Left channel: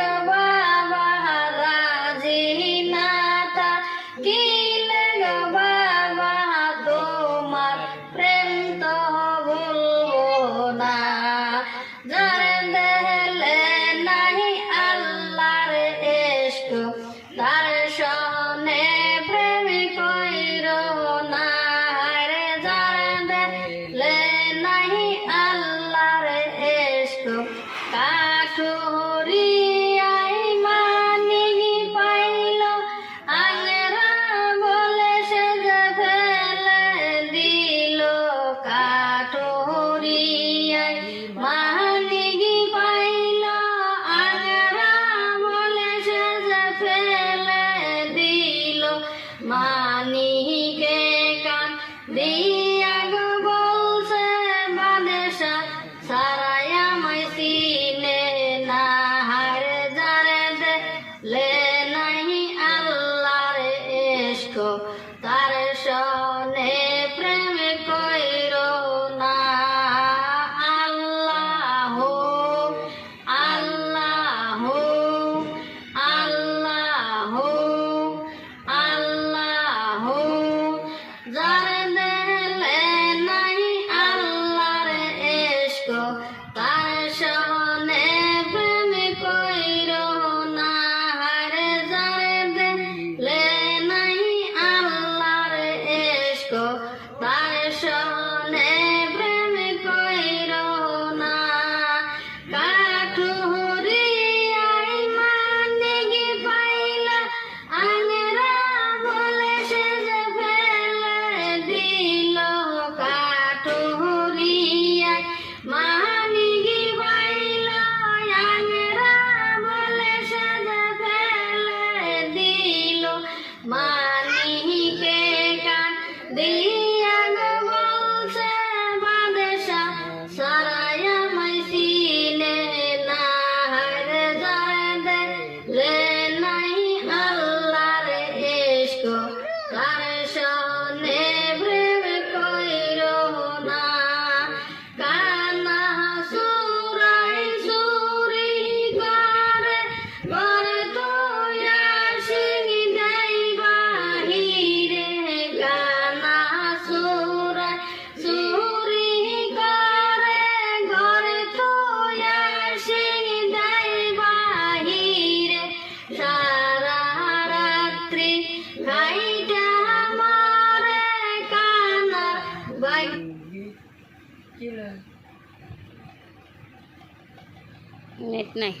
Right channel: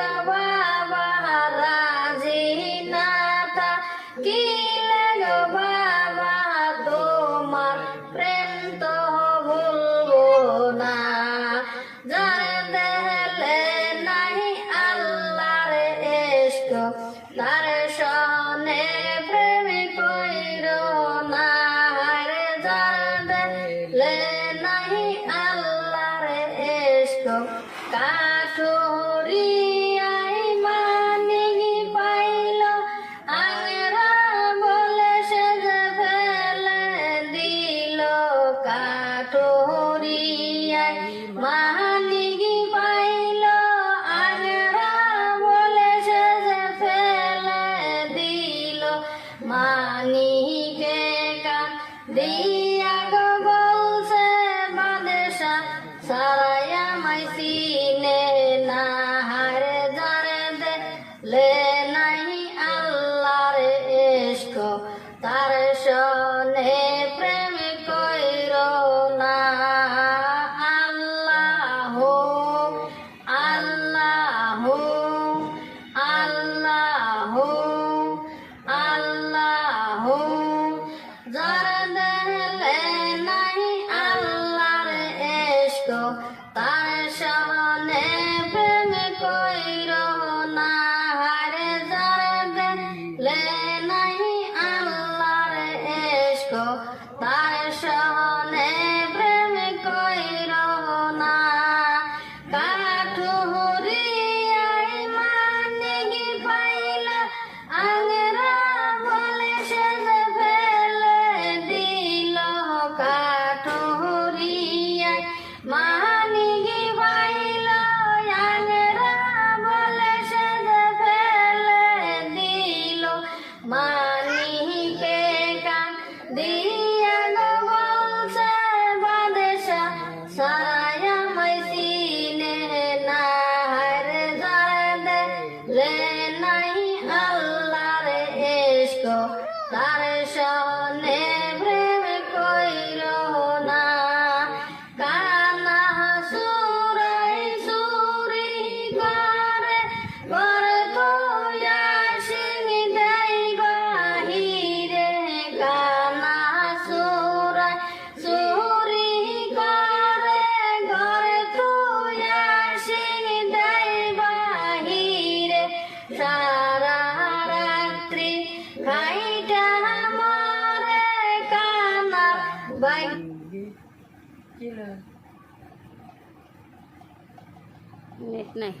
গো বাবা রাজি না থাকিলে গো বাবা তোমার প্রেম তো ভুলবো না। যারে দেখলে নাহি আল্লাহর ইশক তার সনে প্রেম কইরো না। রে যারে দেখলে নাহি আল্লাহর ইশক কাঠুরিয়াই মানি পাইল আঙরা বলে সে যে ফেলে দিল। কাঠুরিয়াই মানি পাইল আঙরা বলে সে যে ফেলে দিল। মানিকে কান দিয়া গো বলছে বাদেশা সারাই আমায় চিনে না। হারে যারে দেখলে নাহি আল্লাহর ইশক তার সনে প্রেম কইরো না। আল্লাহ আল্লাহ আল্লাহ আল্লাহ যারে দেখলে নাহি আল্লাহর ইশক তার সনে প্রেম কইরো না। হারে যারে দেখলে নাহি আল্লাহর ইশক তার সনে প্রেম কইরো না। কাঠুরিয়াই মানি পাইলা আঙরা বলে সে যে ফেলে দিল। কাঠুরিয়াই মানি পাইল আঙরা বলে সে যে ফেলে দিল। মানিকে কান দিয়া গো বলছে বাদেশা সারাই আমায় চিনে না। হারে যারে দেখলে নাহি আল্লাহর ইশক তার সনে প্রেম কইরো না। কানা সুরাই সুরি করে করে তুইয়া সিঙি দেই বাহিরে। কানা সুরাই সুরি করে করে তুইয়া সিঙি দেই বাহিরে। সারা রাত্রি খাইটা মরে কানার বাই নেট নাই।